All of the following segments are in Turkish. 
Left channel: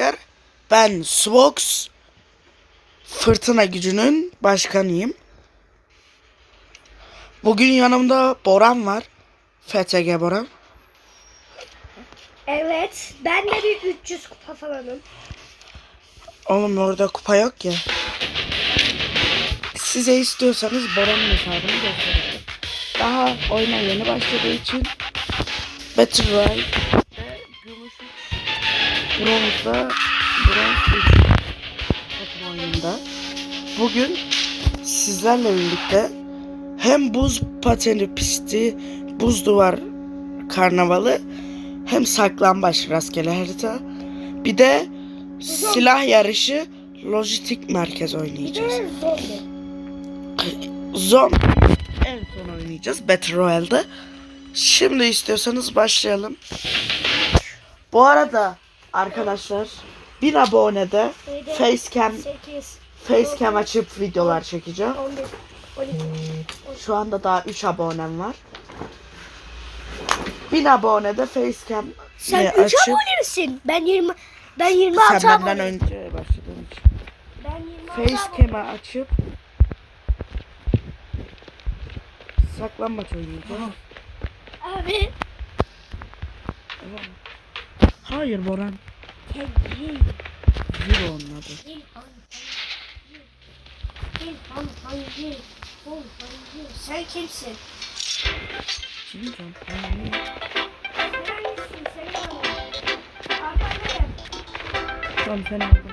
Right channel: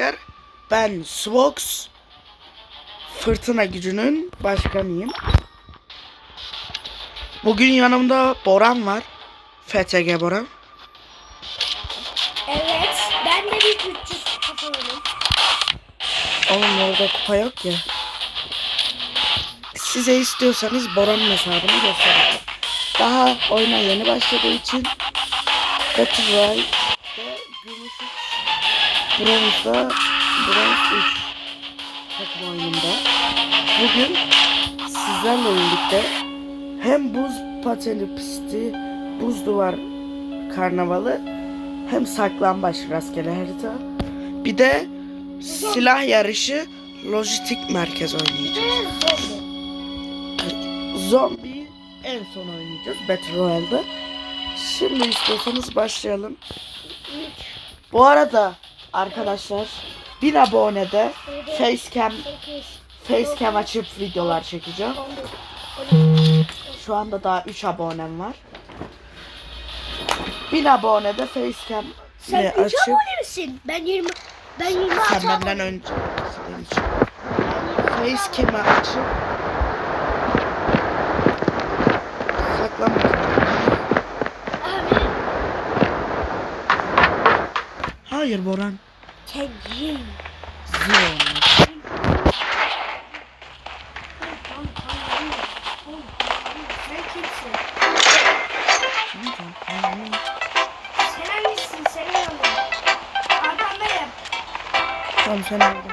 Arkadaşlar ben Svox Fırtına gücünün başkanıyım. Bugün yanımda Boran var. FTG Boran. Evet. Ben de bir 300 kafalarım. Oğlum orada kupa yok ya. Size istiyorsanız Boran'ın hesabını göstereyim. Daha oyuna yeni başladığı için Battle Gümüş 3 Bronz'da Bronz 3 takım oyununda. Bugün sizlerle birlikte hem buz pateni pisti, buz duvar karnavalı hem saklambaç rastgele harita bir de silah yarışı lojistik merkez oynayacağız. Zombi en son oynayacağız Battle Royale'de. Şimdi istiyorsanız başlayalım. Bu arada arkadaşlar bir abonede facecam 8, facecam açıp videolar çekeceğim. 11, 12, Şu anda daha 3 abonem var. 1000 abonede facecam Sen ne 3 açıp abone misin? Ben 20 ben 26 sen abone. benden önce başladığın için facecam'ı açıp. Abi Hayır Boran. Kendi. Zero onlar. Sen kimsin? Bilmiyorum. Hayır. Sen hangisin? Sen hangi? Arkandayım. Tamam sen aldın.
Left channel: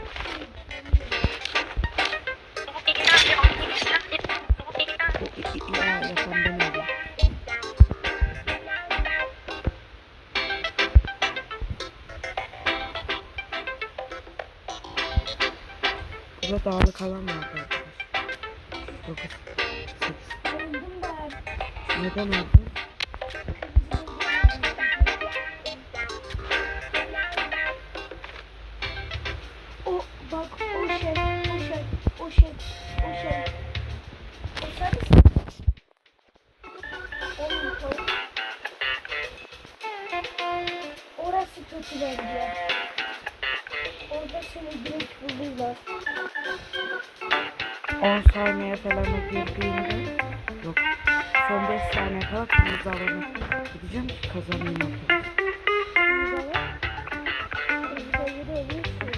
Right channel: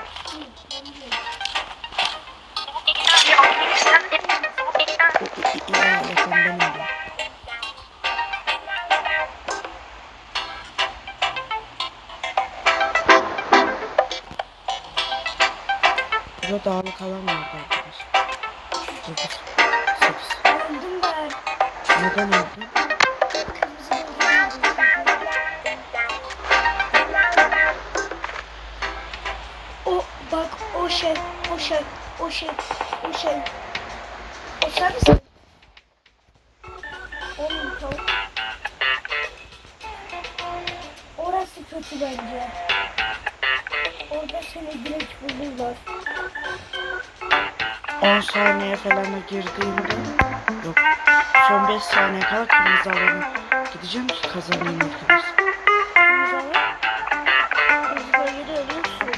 Burada dağlık alan vardı arkadaşlar. 9, 8. Öldüm ben. Neden öldün? O bak o şey, o şey, o şey, o şey. O sen misin? Oğlum tavuk. Orası kötü bence. Orada seni direkt bulurlar. 10 saniye falan girdiğimde yok. Son 5 saniye kala kırmızı alana gideceğim ki kazanayım arkadaşlar. Kırmızı alan. Kırmızı bölgede ölüyorsun.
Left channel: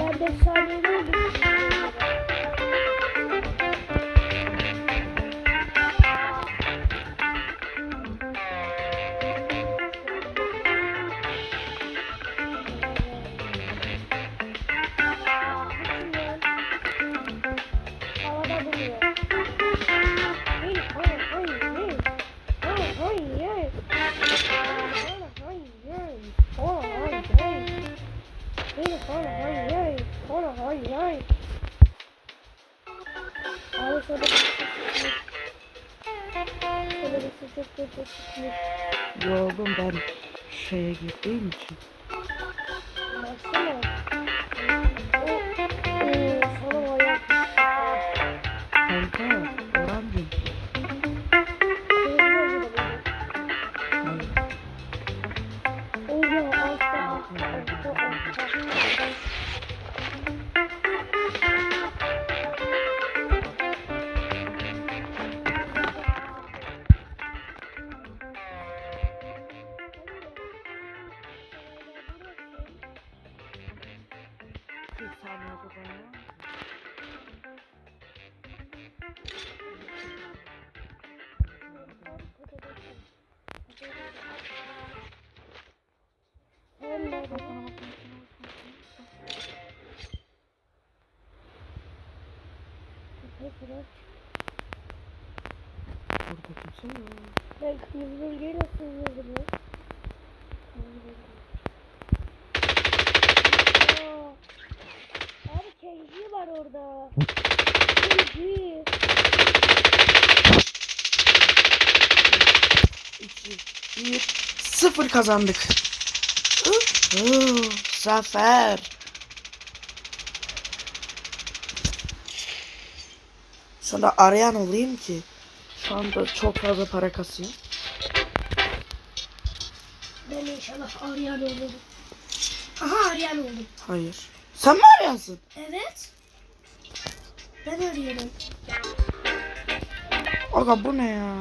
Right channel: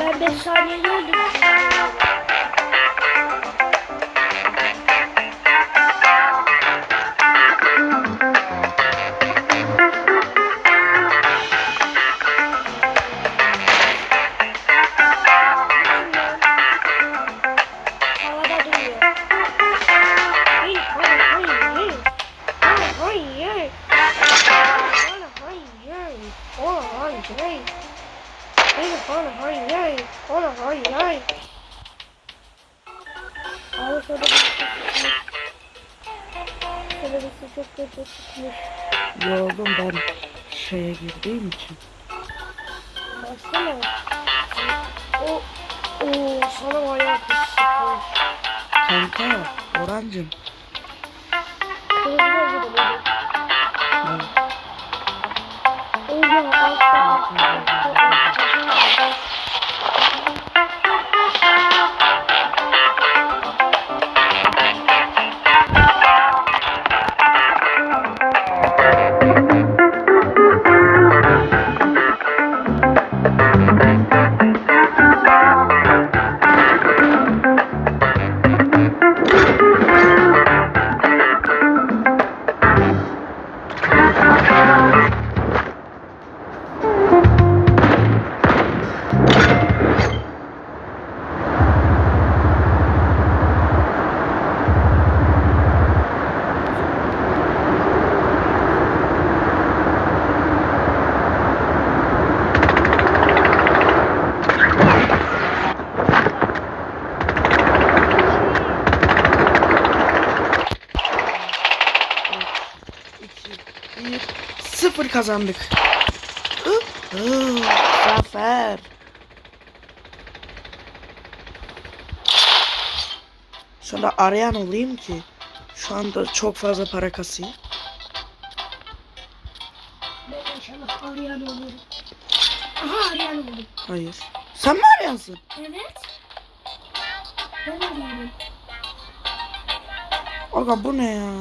Ben 5 saniyede öldüm. Oh, hey, hey, hey, hey. Oh, hey, hey. Abi şöyle bir şey çıkmış. Şöyle bir şey çok kötü çıkmış. Yoldum ben şeye girdiğim için. Baksana. O, o sana bayağı kötü çıkmış. Kanka, Orancım. Thank you. Kazandık. Zafer. Sonra arayan olayım ki şu anda çok fazla para kasayım. Ben inşallah arayan olurum. Aha arayan oldum. Hayır. Sen mi arayansın? Evet. Ben arıyorum. Aga bu ne ya?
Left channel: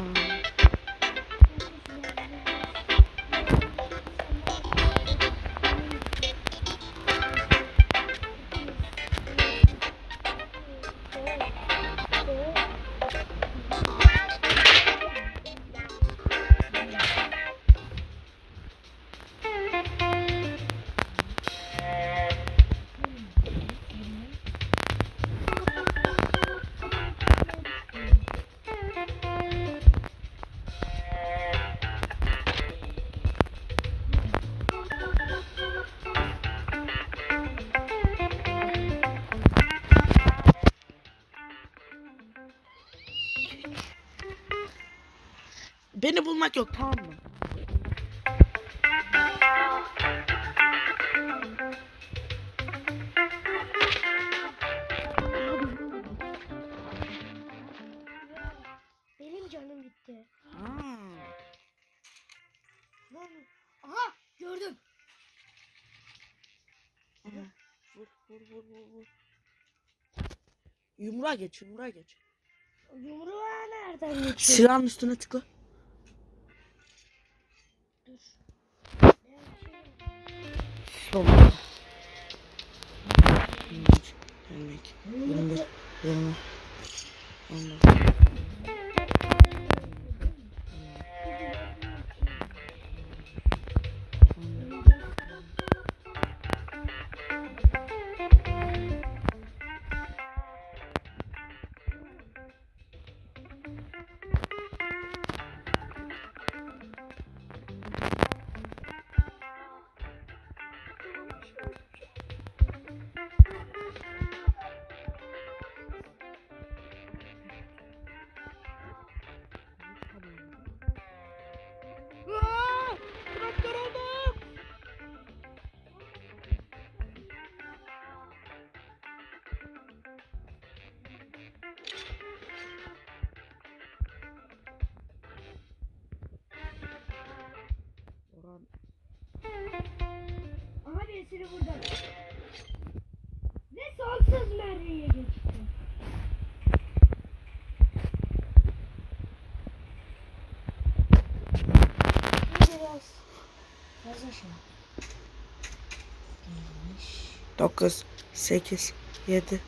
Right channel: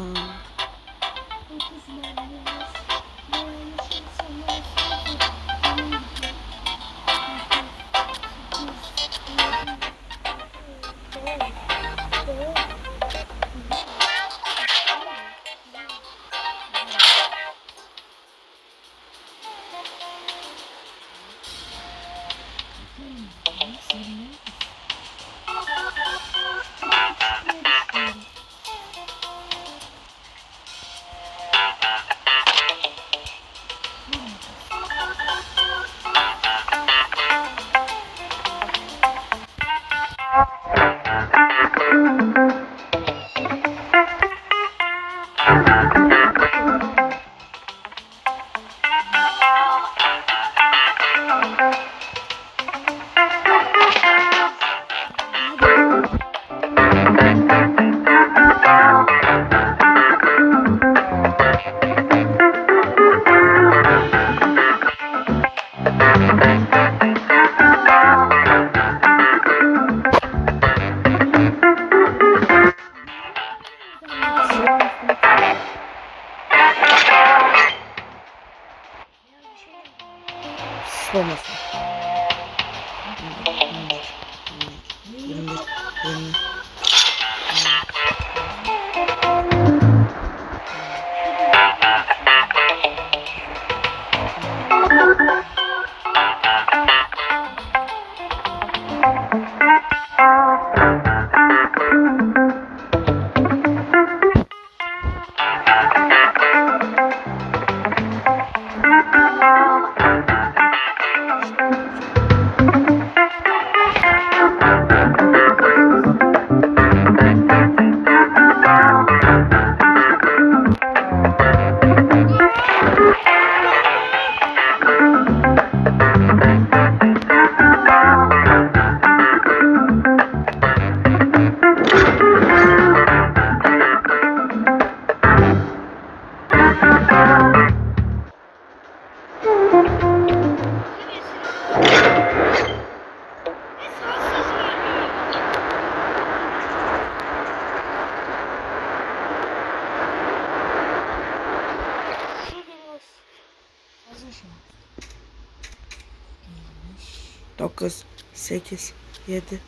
8 7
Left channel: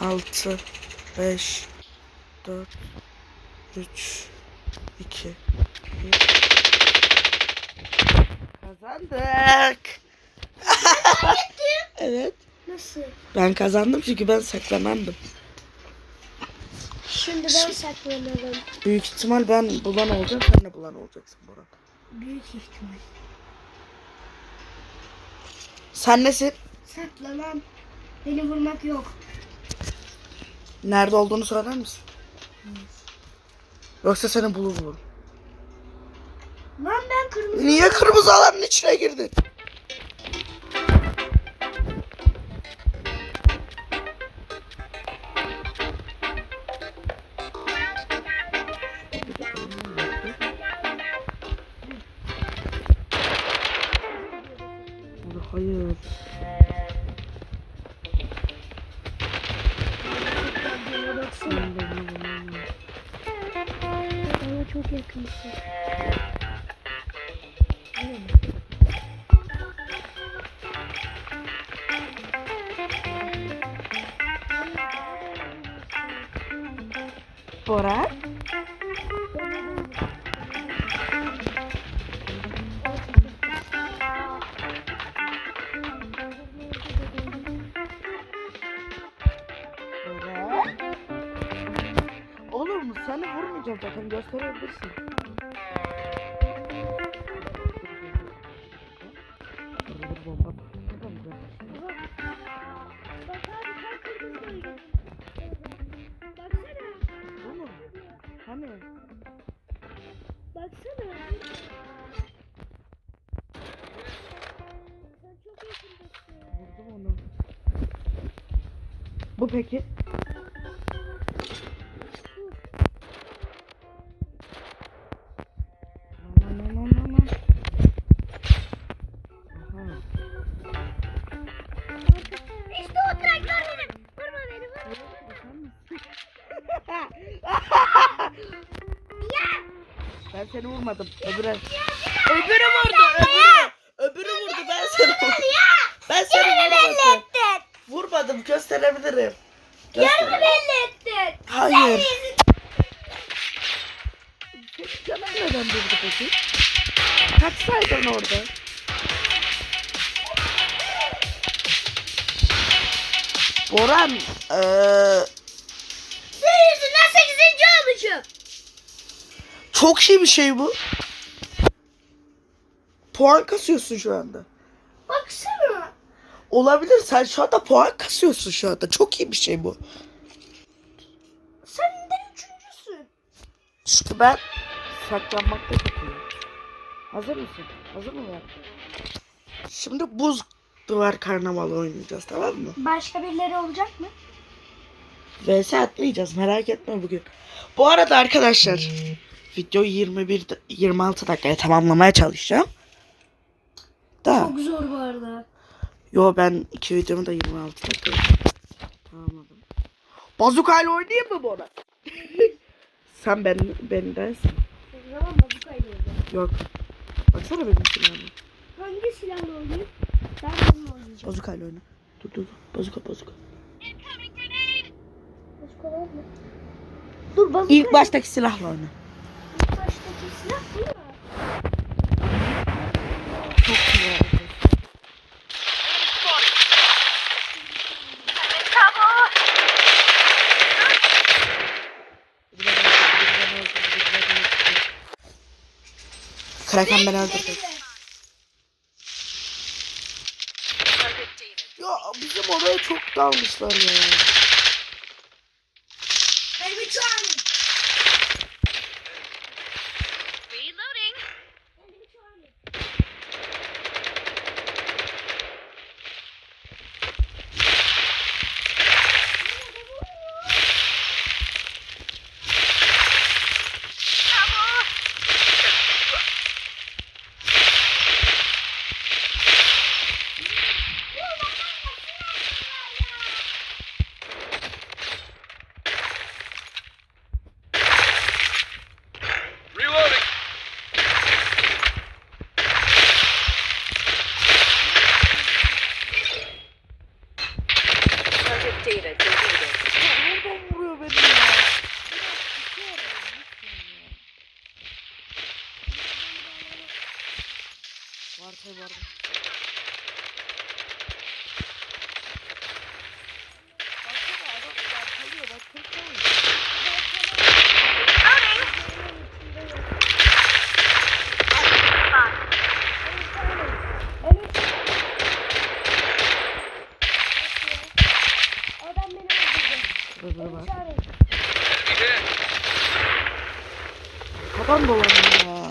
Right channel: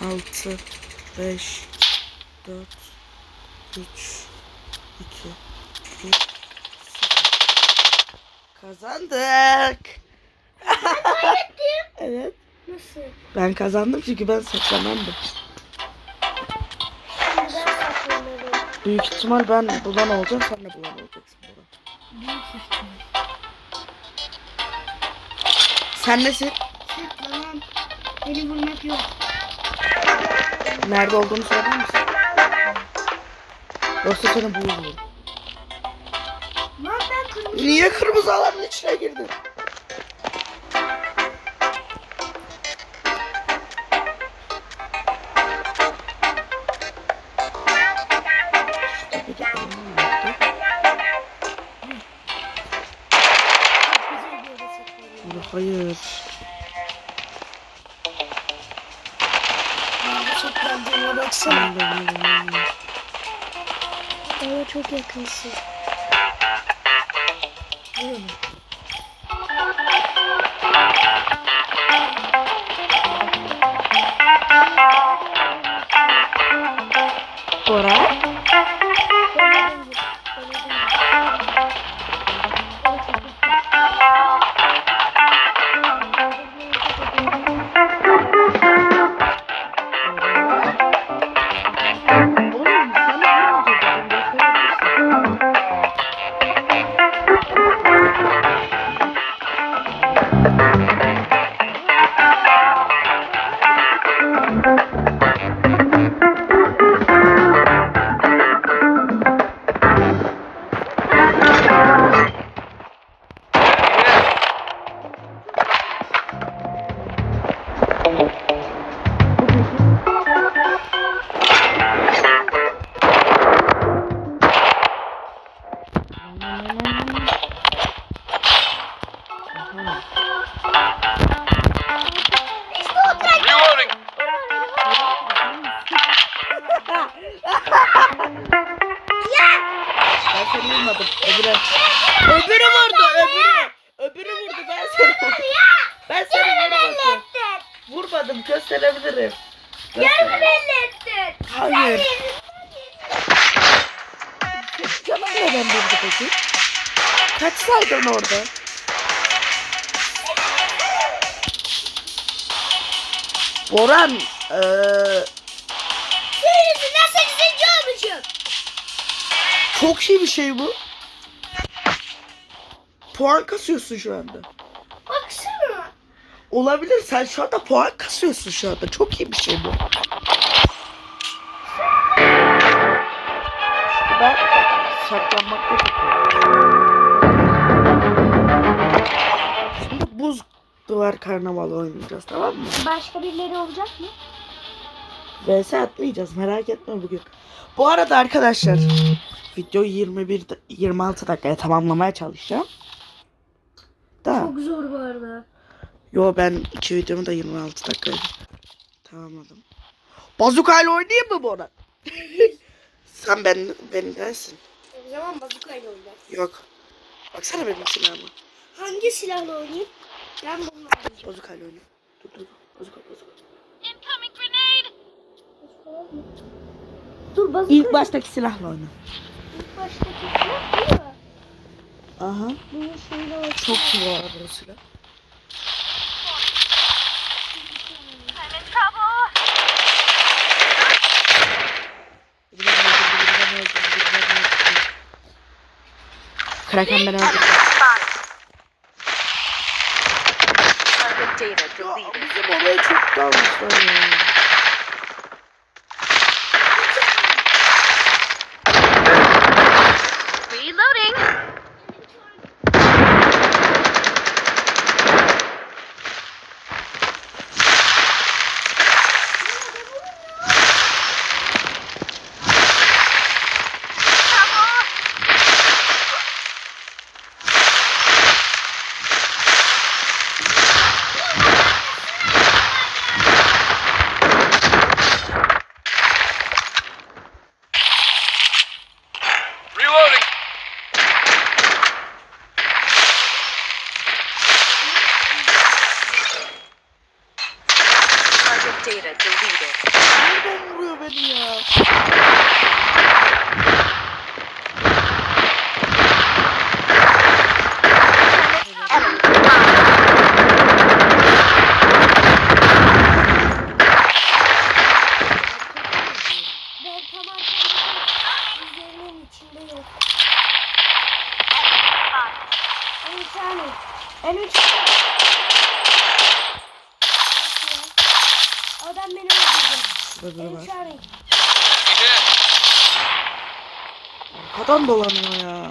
6 5 4 3 2 1 Kazandık. evet. Nasıl? Ben kazandım çünkü ben saklanandım. Şimdi ben saklanırım. Büyük ihtimal ben bulan olacağım, sen de bulan olacaksın Bora. Büyük ihtimal. Sen nesin? Saklanan. Beni bulmak yok. Nerede olduğunu söyler misin? Yoksa seni bulurum. Lan ben kırmızı. Niye kırmızı alanın içine girdin? Bana çok yakınsın. Bora? Eee Senin yüzünden 8. olmuşum. çok iyi bir şey bu. Puan kasıyorsun şu anda. Baksana. Olabilir sen şu anda puan kasıyorsun şu anda. Çok iyi bir şey bu. İşte ben saklanmakta yapıyorum. Şimdi buz duvar karnavalı oynayacağız tamam mı? Başka birileri olacak mı? VS atmayacağız merak etme bugün. Bu arada arkadaşlar videoyu 21 da- 26 dakikaya tamamlamaya çalışacağım. Da Çok zor bu arada. yo ben iki videomu da 26 dakikaya tamamladım. Bazukayla oynayayım mı arada? Sen ben bendensin. O zaman bazukayla oynayacağım. Yok. Baksana benim silahıma. Hangi silahla oynayayım? Ben bununla oynayacağım. Bazukayla oyna. Dur dur dur. Bazuka bazuka. Bazuka? Dur bazuka. İlk baştaki silahla oyna. İlk baştaki silah değil mi? Aha. Ben Çok iyi var burası. Biri beni öldürdü, biri beni öldürdü, biri beni öldürdü. Kraken beni öldürdü. Ya bizim oraya çok dalmışlar ya. Reloading. Reloading. Target data deleted. Nereden vuruyor beni ya? ben tamam. Üzerimin içinde yok. En üç tane. En üç tane. Nasıl ya? Adam beni öldürdü. Şurada biri En var. üç tane. Arkadan dolanıyor ya.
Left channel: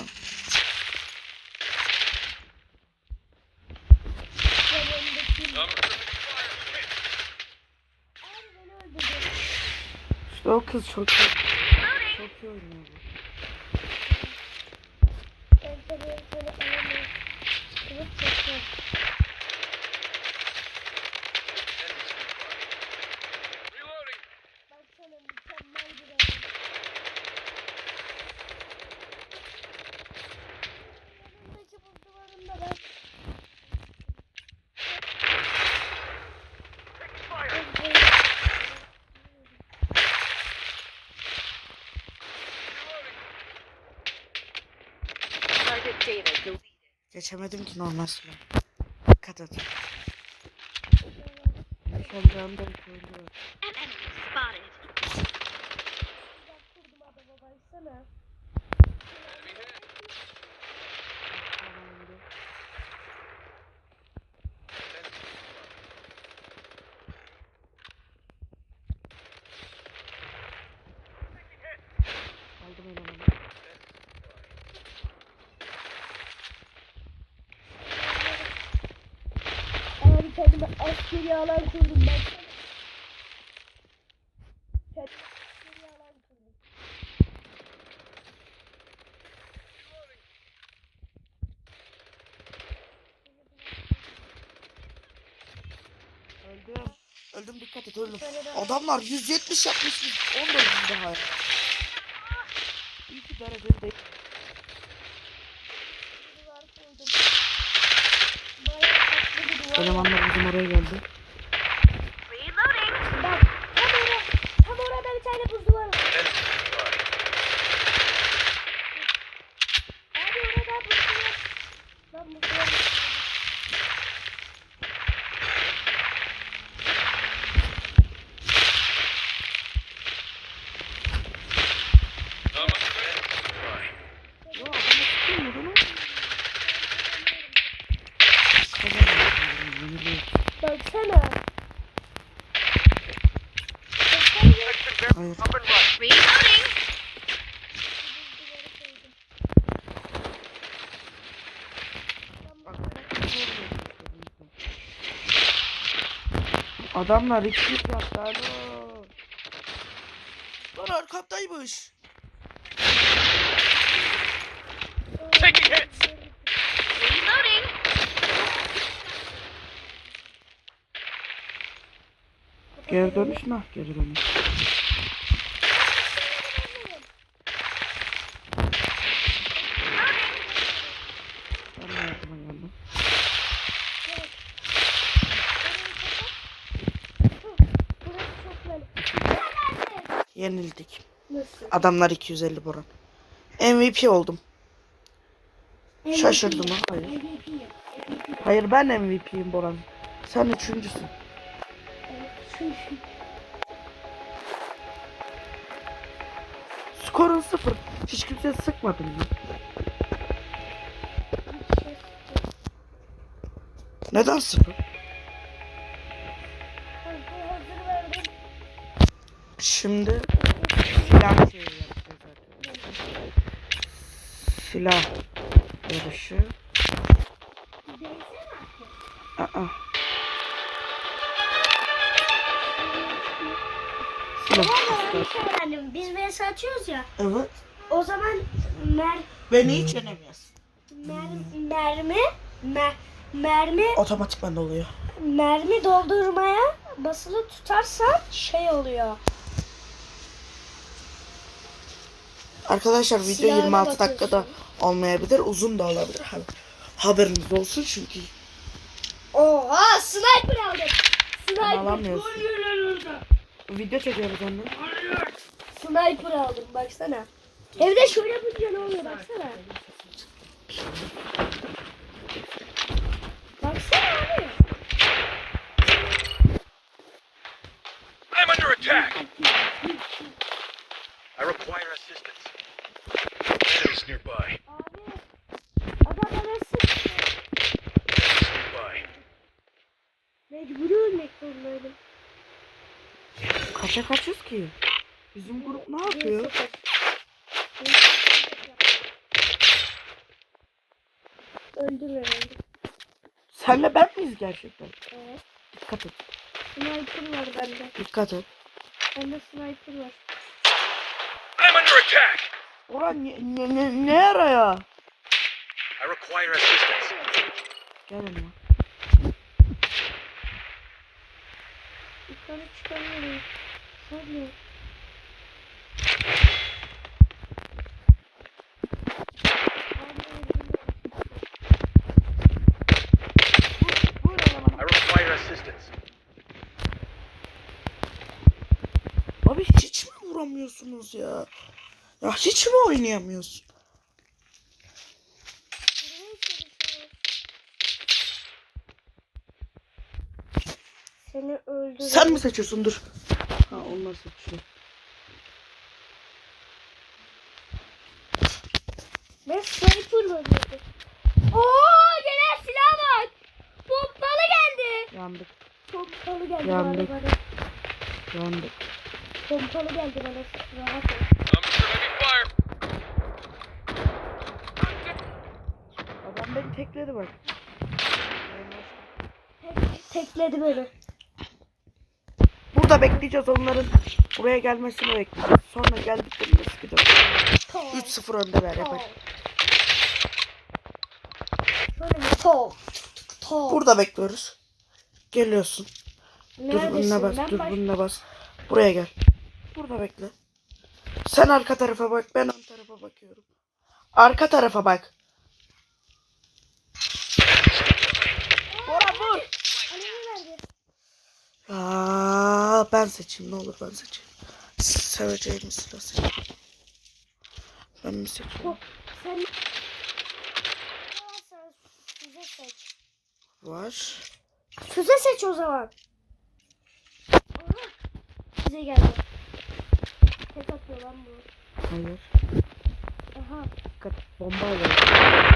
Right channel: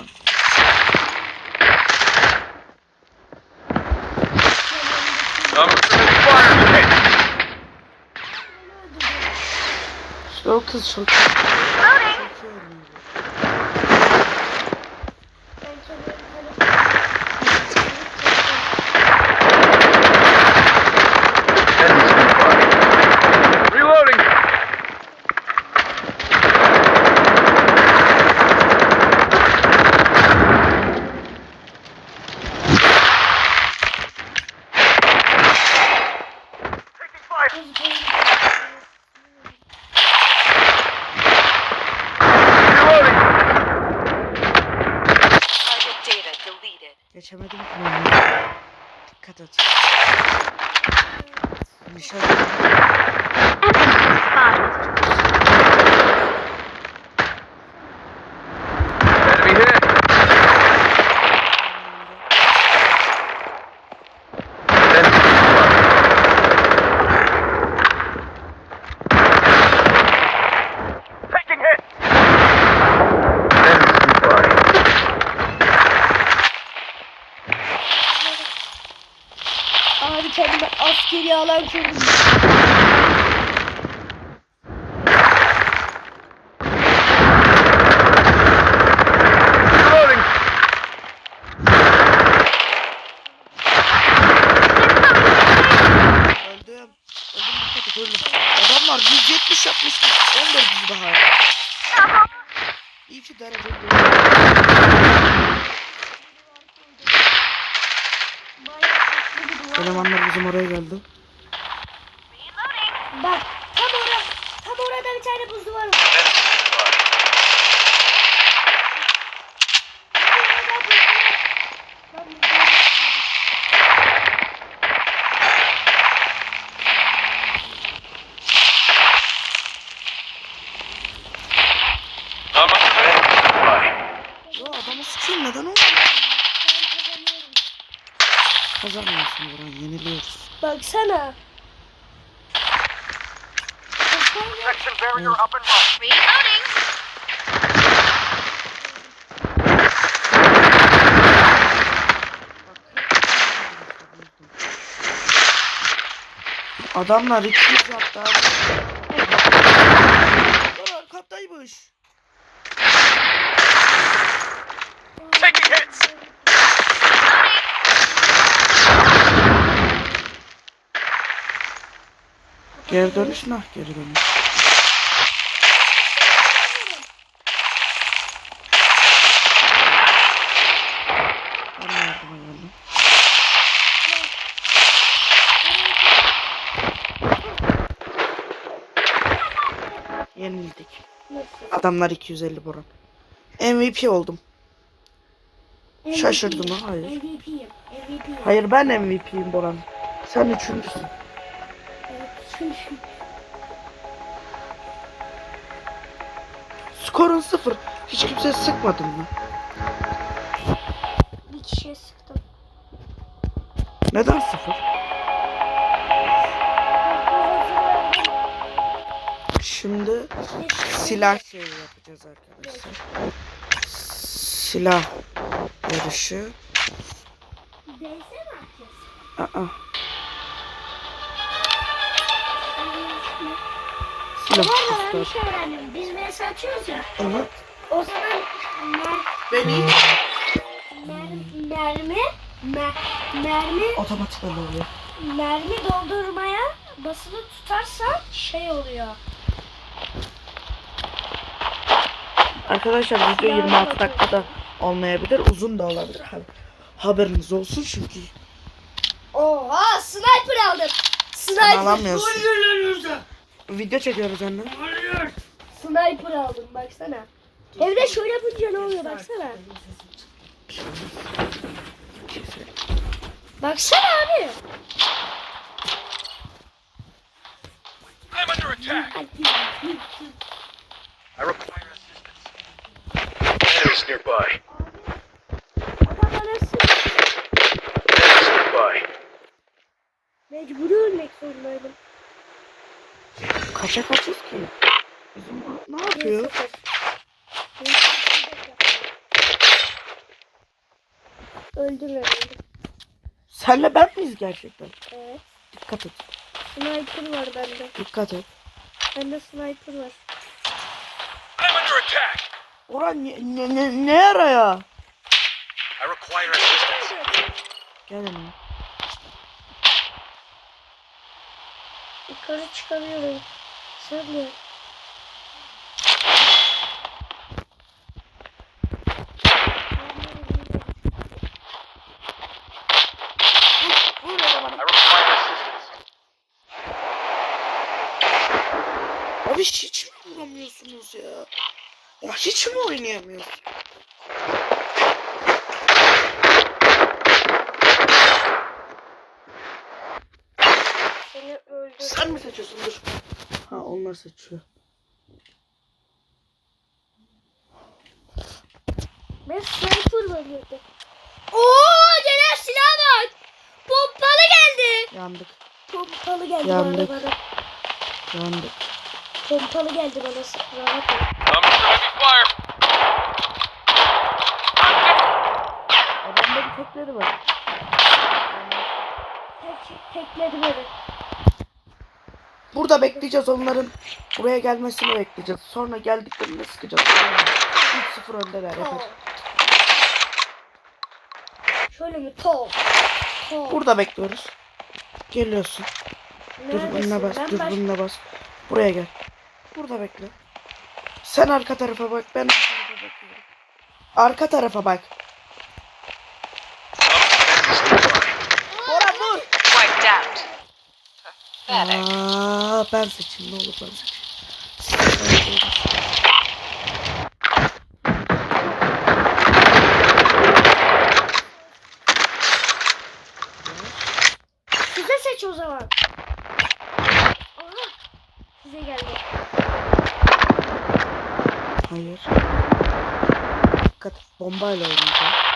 İşte o kız çok iyi. Çok iyi oynuyor. Ben tabii böyle... Enemy spotted. Reloading. Reloading. Target data deleted. Geçemedim ki ben. Dikkat et. Nişan kendime askeri alan kurdum. Reloading. Öldüm. Öldüm dikkat et öldüm. Adamlar 170 yapmış. 14 daha. İyi ki dereceli değil. Elemanlar bizim oraya geldi. Bak tam orada tam orada bir tane orada buzlu var. Ya adamı sıçayım neden olmuyor? Yeniliyoruz. Baksana. Adamlar 200 hatta. Lan Geri dönüş nah geri dönüş. Ben yardıma. Yenildik. Adamlar 250 Boran. MVP oldum. Şaşırdım ha hayır. Hayır ben MVP'yim Boran. Sen üçüncüsün. Skorun sıfır. Hiç kimse sıkmadın mı? Bir kişiye sıktım. Neden sıfır? Şimdi silah şeyi yapacağız arkadaşlar. Silah yarışı. Aa. Silah Bu arada ben bir şey öğrendim. Biz VS ya. Evet. O zaman mer, Ben iyi mer, mermi mer, mermi Otomatikman oluyor. mermi doldurmaya basılı tutarsan şey oluyor. Arkadaşlar video Silahına 26 bakıyorsun. dakikada olmayabilir. Uzun da olabilir. Ha- Haberiniz olsun çünkü Oha sniper aldım. sen Sniper. alamıyorsun. Video çekiyoruz anne. Sniper aldım baksana. Evde şöyle yapınca ne oluyor baksana. Baksana abi. I'm under attack. I require assistance. Enemies nearby. Adam bana sık. Enemies nearby. Mecburi ölmek zorundaydım. Kaça kaçız ki? Bizim grup ne yapıyor? Öldüm herhalde. Senle ben miyiz gerçekten? Evet. Dikkat et. Sniper var bende. Dikkat et. Bende sniper var. I'm under attack. Orhan ne, ne, ne, ne ara ya? I require Yukarı çıkamıyorum. Sen de. Vur elemanı. I require assistance. Abi hiç mi vuramıyorsunuz ya? Ya hiç mi oynayamıyorsun? Seni. Sen mi seçiyorsun? Dur. Ha onlar seçiyor. Ben sniper var dedi. Oo gelen silah bak. Pompalı geldi. Yandık. Pompalı geldi Yandık. bana bana. Yandık. Pompalı geldi bana. Rahat ol. I'm under fire. Adam beni tekledi bak. Tek, tekledi beni. Burada bekleyeceğiz onların buraya gelmesini bekleyeceğiz. Sonra geldiklerinde sıkacağız. 3-0 öndeler yapar. Şöyle bir. Pol. Burada bekliyoruz. Geliyorsun. Dur Neredesin? bununla bas. Ben Dur baş- bununla bas. Buraya gel. Burada bekle. Sen arka tarafa bak. Ben arka tarafa bakıyorum. Arka tarafa bak. Bora vur. Aa, ben seçeyim ne olur ben seçeyim. Siz söyleyeceğiniz. Ben seçeyim. Yes. Size seç o zaman. Aha. Size geldi. Hayır. Dikkat bombayla oynuyor.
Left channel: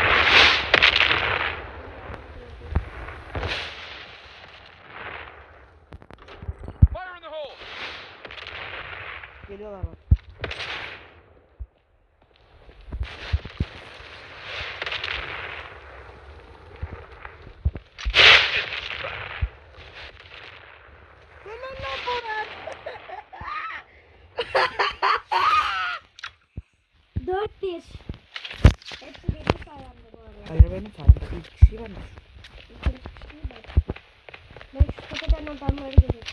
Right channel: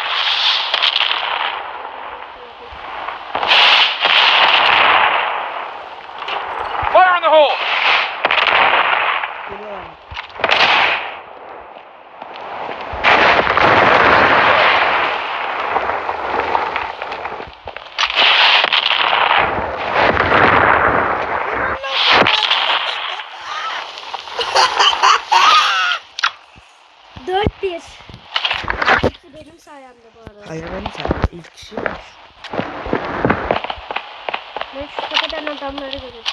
Fire in the hole! Geliyorlar. Dört bir. Hepsi benim sayemde bu arada. Hayır benim sen ilk kişi olmuş. Ben şu tepeden adamları görüyorum.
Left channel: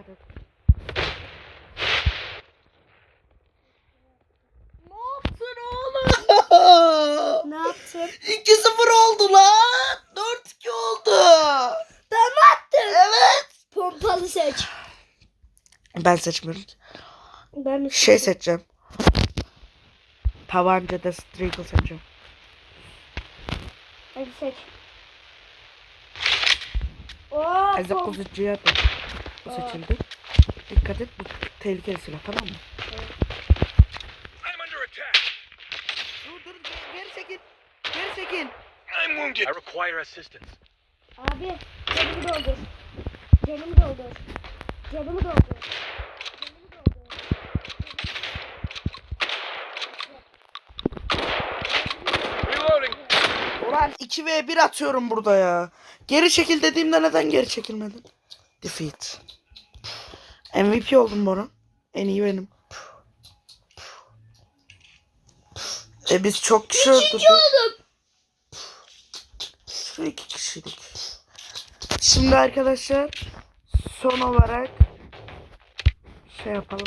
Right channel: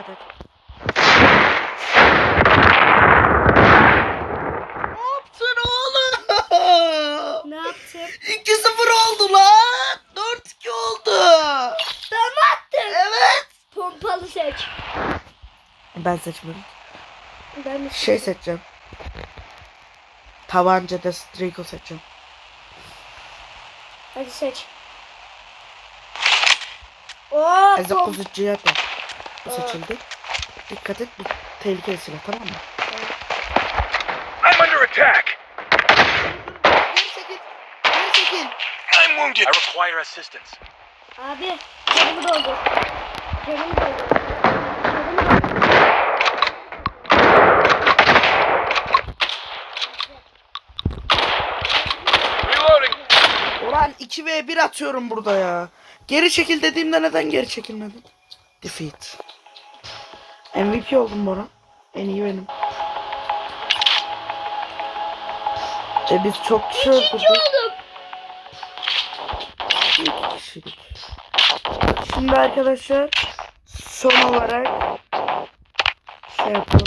Dikkat et. Ne yaptın oğlum? Ne yaptın? 2-0 oldu lan. 4-2 oldu. Ben mi attım? Evet. Pompalı seç. Ben seçmedim. Ben de Şey seçeceğim. Tabanca da Strigo seçeceğim. Hadi seç. Oo, Ezek kuzucuya da. Bu Evet. seçildi. Dikkat et bu tehlikeli silah tamam mı? I'm under attack! Geri çekil. Geri çekil. I'm wounded! I require assistance. Abi canımı doldur. Canımı doldur. Canımı doldur. Reloading! Ulan 2v1 atıyorum burada ya. Geri çekil dediğimde neden geri çekilmedin? Defeat. MVP oldum Bora. En iyi benim. E biz çok kişi öldürdük. İki kişiydik. Şimdi arkadaşlar son olarak şey yapalım.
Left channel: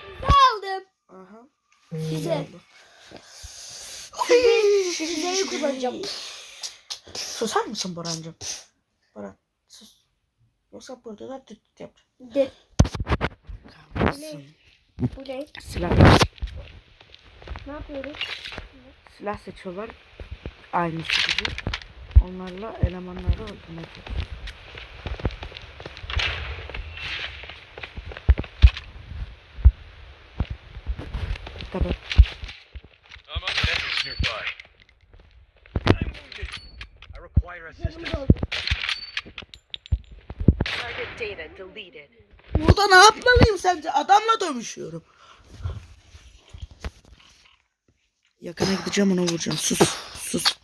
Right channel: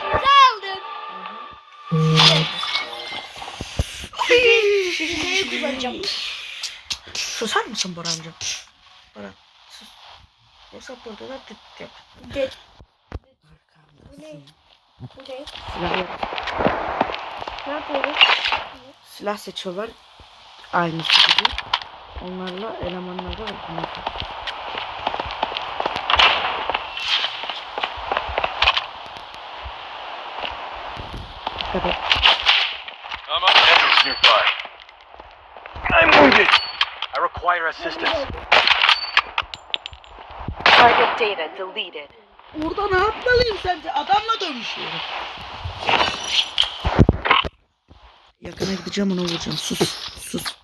Sizi aldım. Sizi kullanacağım. Susar mısın Borancığım? Boran sus. Yoksa burada da tıt yap. De Kahretsin. ne? Silah, Ne yapıyoruz? silah seçiyorlar. Aynısı gibi. Onlarla elemanları öldürmek. Dikkat et. I'm up. Enemies nearby. I'm wounded! Require assistance. Target data deleted. Burada ne yapmalıyım sence? Adamla dövüşüyorum. Yakına gideceğim ona vuracağım. Sus. Sus.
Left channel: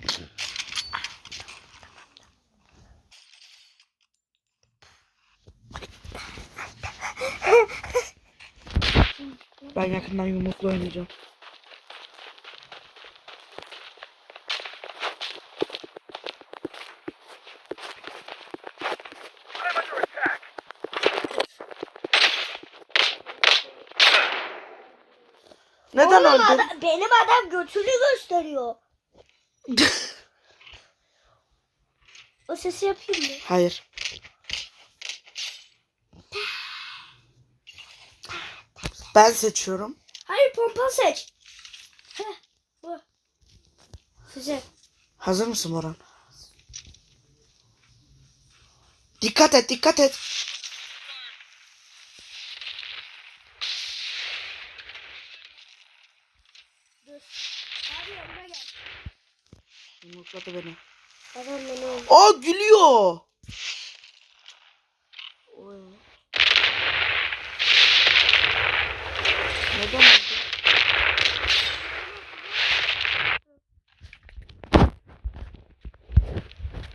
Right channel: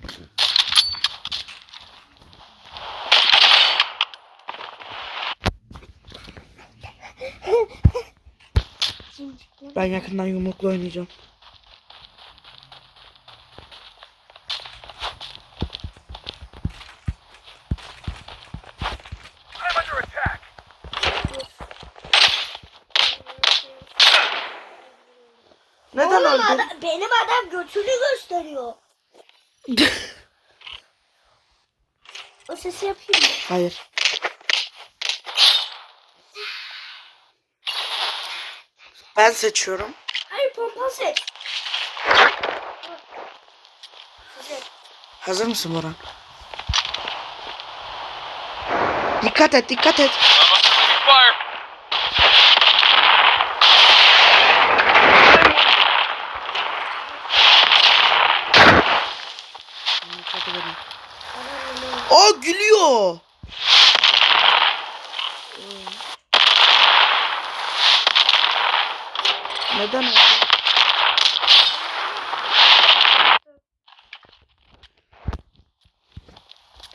Ben yakından yumrukla oynayacağım. Neden Oğlum öldün? adam- benim adam götünü gösteriyor. O sesi yapayım mı? Hayır. Ben seçiyorum. Hayır pompa seç. Hazır mısın Boran? Dikkat et, dikkat et. I'm under fire! Adam yanıyor. Aa gülüyor. Neden öldü?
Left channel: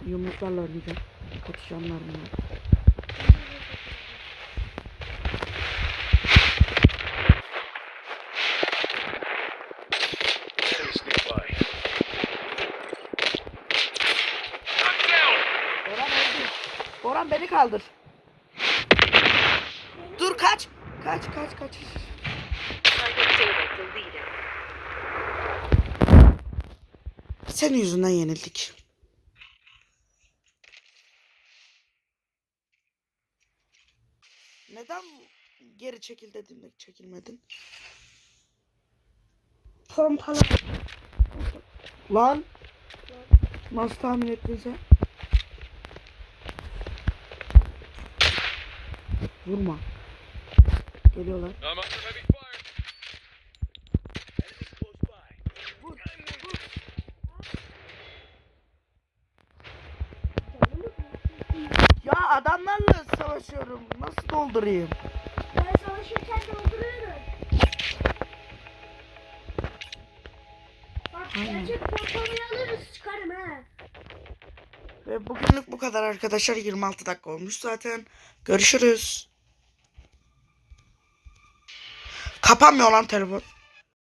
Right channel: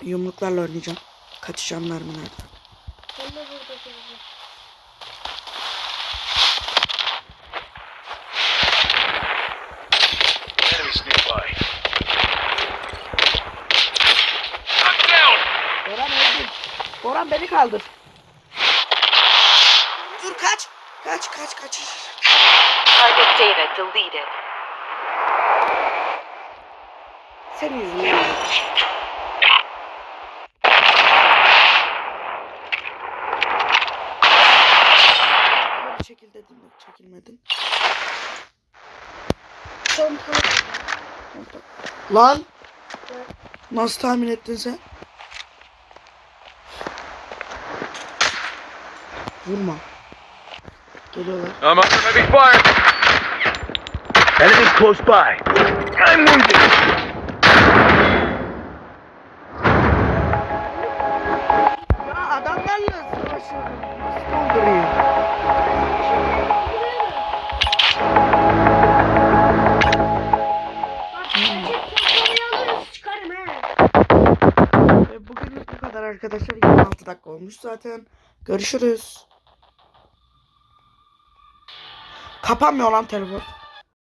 Yumruklarla oynayacağım. Kaçacağım mermilerden. Ben de burada duracağım. Enemies nearby. I'm down! Boran öldü. Boran beni kaldır. Dur kaç. Kaç kaç kaç. Target data deleted. Senin yüzünden yenildik. Geri çekil dedim de çekilmedin. Pompalı. Lan! Nasıl tahmin ettin sen? Vurma. Geliyorlar. I'm under heavy fire. Enemies close by. I'm wounded. Ya adamlarla savaşıyorum. Nasıl doldurayım? Ve bugünlük bu kadar arkadaşlar. 26 dakika olmuş zaten. Görüşürüz. Kapanmıyor lan telefon.